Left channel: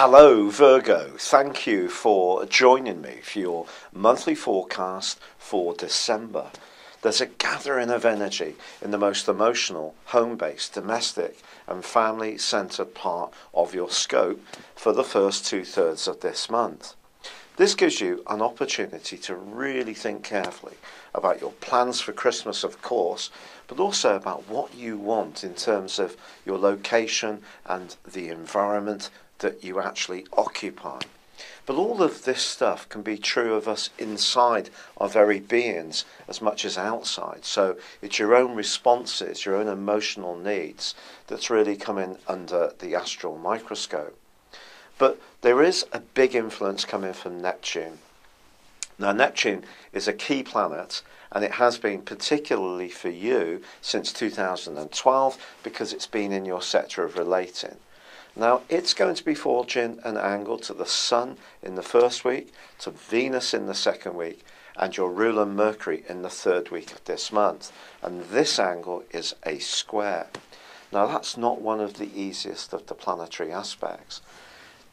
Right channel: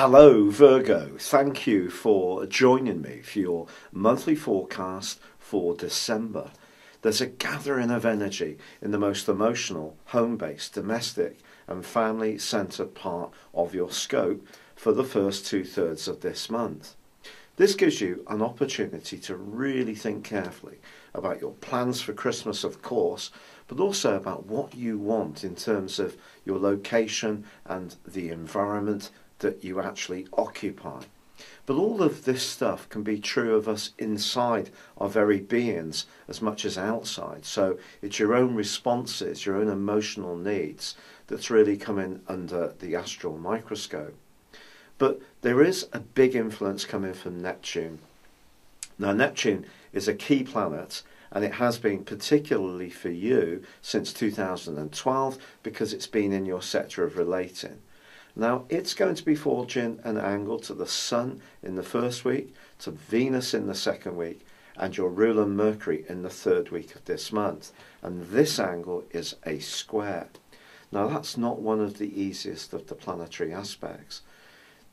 Hello Virgo, thank you for joining me for your monthly forecast for December. There's a gathering of energy in the most emotional, home-based, domestic and family-centred part of your scope for the first 2/3 of this month. This gives you an opportunity to really think carefully about your plans for Christmas, of course, but also about what you want in terms of your location and the environment that you actually occupy. But all of this stuff can be true of us inside our very beings as much as outside. So it's your own responses, your own emotional needs that's really coming under the astral microscope. But there is a big influence coming from Neptune. Now, Neptune is a key planet, and it has been particularly for you since 2012 because it's been in your sector of relating. Now, it's going to be forging an angle to the Sun in the first week, to Venus in the second week, and your ruler Mercury in the third week of this month. And this angle is a square. Now, that's not one of the easiest of the planetary aspects.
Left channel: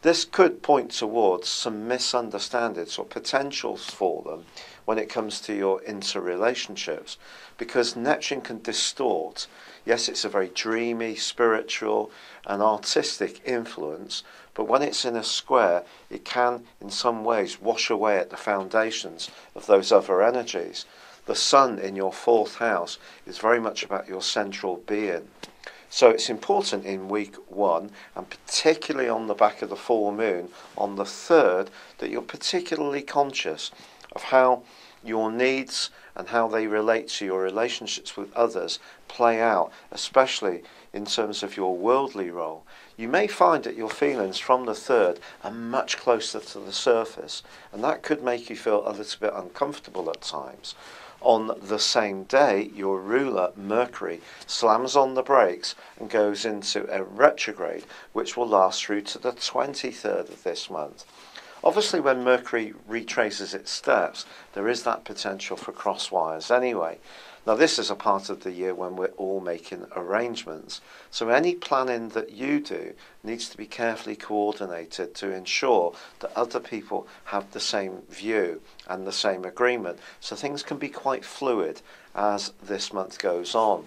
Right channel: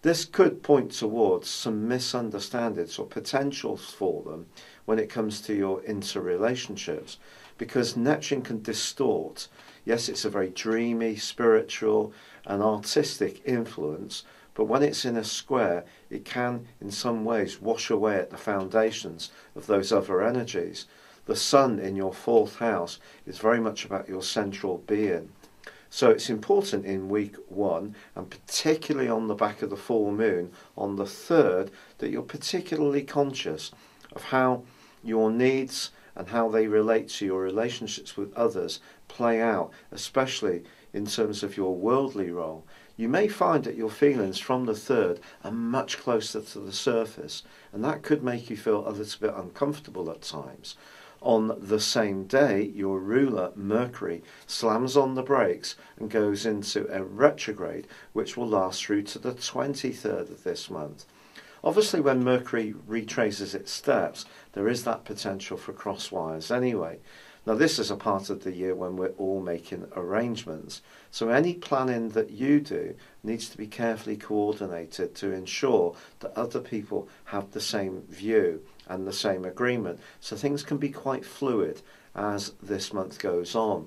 This could point towards some misunderstandings or potentials for them when it comes to your interrelationships, because Neptune can distort. Yes, it's a very dreamy, spiritual and artistic influence, but when it's in a square, it can in some ways wash away at the foundations of those other energies. The Sun in your fourth house is very much about your central being. So it's important in week 1, and particularly on the back of the full moon on the 3rd, that you're particularly conscious of how your needs and how they relate to your relationships with others play out, especially in terms of your worldly role. You may find that your feelings from the 3rd are much closer to the surface, and that could make you feel a little bit uncomfortable at times. On the same day, your ruler, Mercury, slams on the brakes and goes into a retrograde, which will last through to the 23rd of this month. Obviously, when Mercury retraces its steps, there is that potential for crosswires anyway. Now, this is a part of the year when we're all making arrangements. So any planning that you do needs to be carefully coordinated to ensure that other people have the same view and the same agreement. So things can be quite fluid as this month goes on.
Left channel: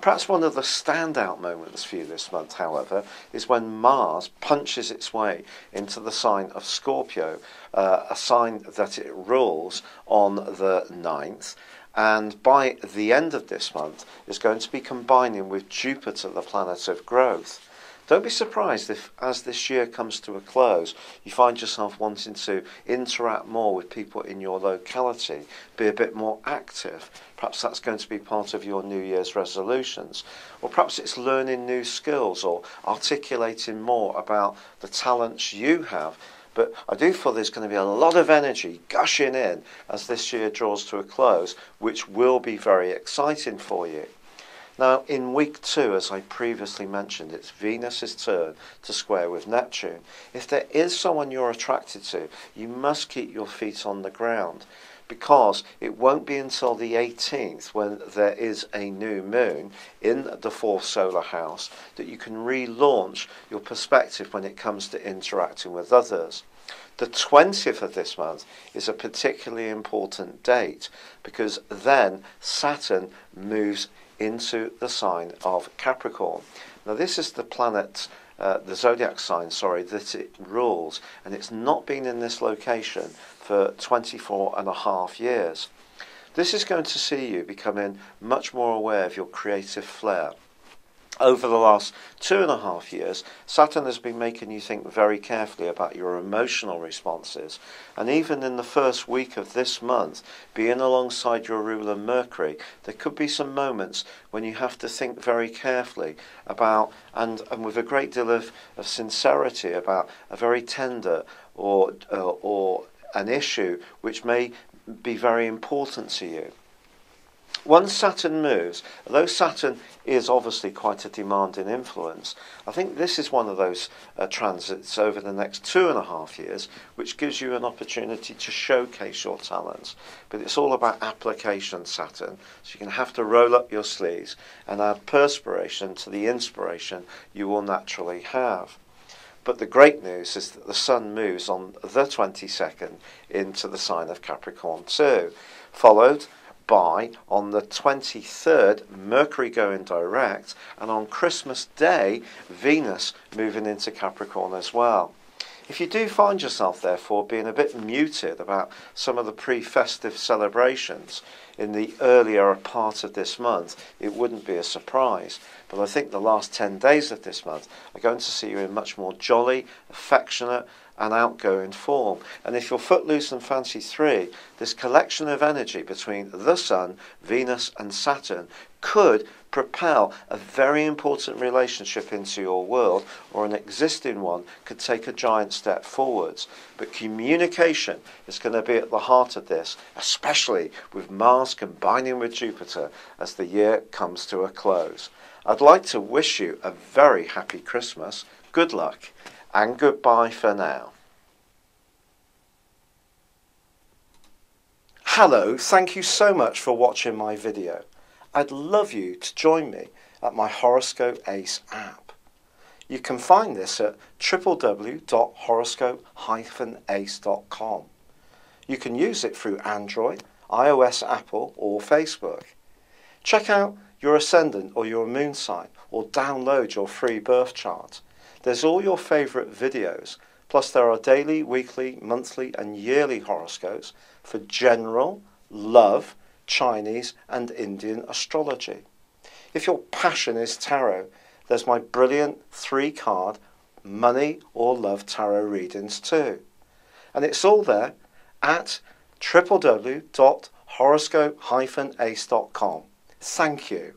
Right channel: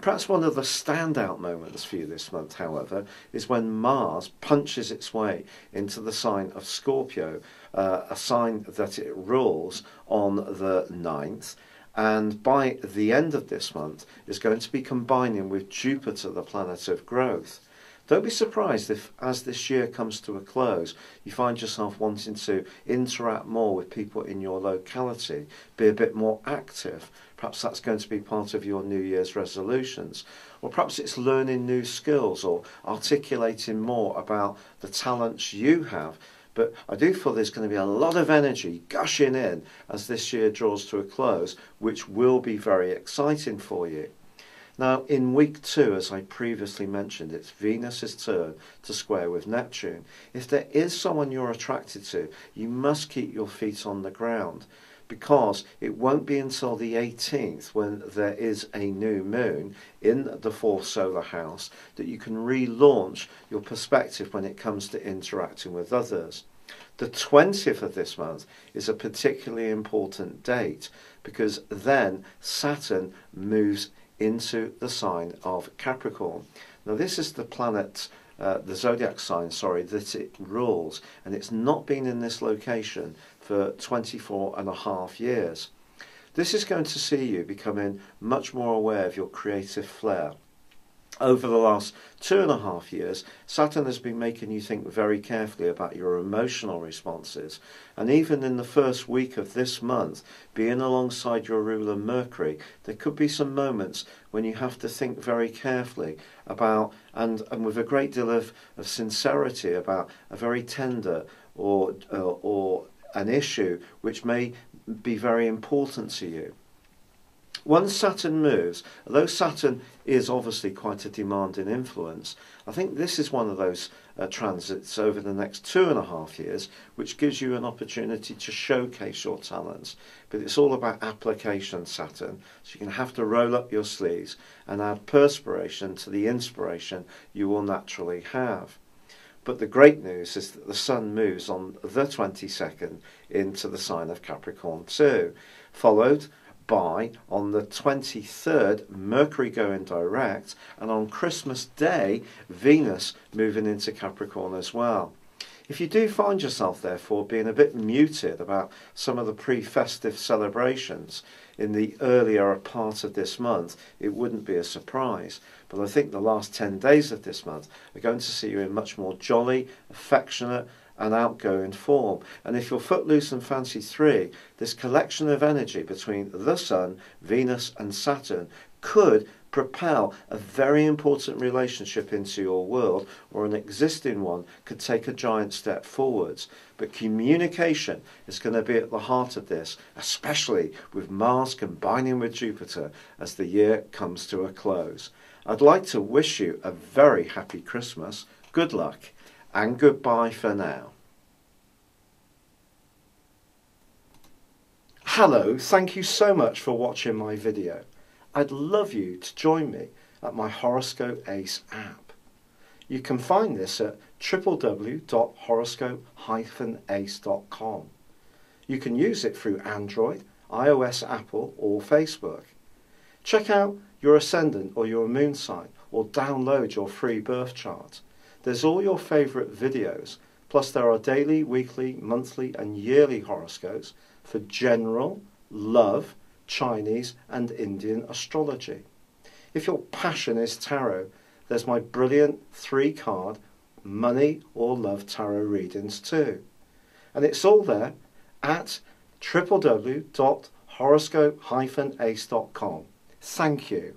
Perhaps one of the standout moments for you this month, however, is when Mars punches its way into the sign of Scorpio, a sign that it rules on the 9th. And by the end of this month, is going to be combining with Jupiter, the planet of growth. Don't be surprised if, as this year comes to a close, you find yourself wanting to interact more with people in your locality, be a bit more active. Perhaps that's going to be part of your New Year's resolutions. Or perhaps it's learning new skills or articulating more about the talents you have. But I do feel there's going to be a lot of energy gushing in as this year draws to a close, which will be very exciting for you. Now, in week 2, as I previously mentioned, it's Venus's turn to square with Neptune. If there is someone you're attracted to, you must keep your feet on the ground, because it won't be until the 18th, when there is a new moon in the 4th solar house, that you can relaunch your perspective when it comes to interacting with others. The 20th of this month is a particularly important date, because then Saturn moves into the sign of Capricorn. Now, this is the planet, the Zodiac sign, that it rules, and it's not been in this location for 24.5 years. This is going to see you becoming much more aware of your creative flair. Over the last 2.5 years, Saturn has been making you think very carefully about your emotional responses. And even in the first week of this month, being alongside your ruler Mercury, there could be some moments when you have to think very carefully about, and with a great deal of sincerity, about a very tender or an issue which may be very important to you. Once Saturn moves, although Saturn is obviously quite a demanding influence, I think this is one of those transits over the next 2.5 years which gives you an opportunity to showcase your talents. But it's all about application, Saturn, so you're going to have to roll up your sleeves and add perspiration to the inspiration you will naturally have. But the great news is that the Sun moves on the 22nd into the sign of Capricorn too, followed by, on the 23rd, Mercury going direct, and on Christmas Day, Venus moving into Capricorn as well. If you do find yourself, therefore, being a bit muted about some of the pre-festive celebrations in the earlier part of this month, it wouldn't be a surprise. But I think the last 10 days of this month are going to see you in much more jolly, affectionate, and outgoing form. And if you're footloose and fancy free, this collection of energy between the Sun, Venus, and Saturn could propel a very important relationship into your world, or an existing one could take a giant step forwards. But communication is going to be at the heart of this, especially with Mars combining with Jupiter as the year comes to a close. I'd like to wish you a very happy Christmas, good luck, and goodbye for now. Hello, thank you so much for watching my video. I'd love you to join me at my Horoscope Ace app. You can find this at www.horoscope-ace.com. You can use it through Android, iOS, Apple, or Facebook. Check out your ascendant or your moon sign, or download your free birth chart. There's all your favourite videos, plus there are daily, weekly, monthly and yearly horoscopes for general, love, Chinese and Indian astrology. If your passion is tarot, there's my brilliant 3-card money or love tarot readings too. And it's all there at www.horoscope-ace.com. Thank you.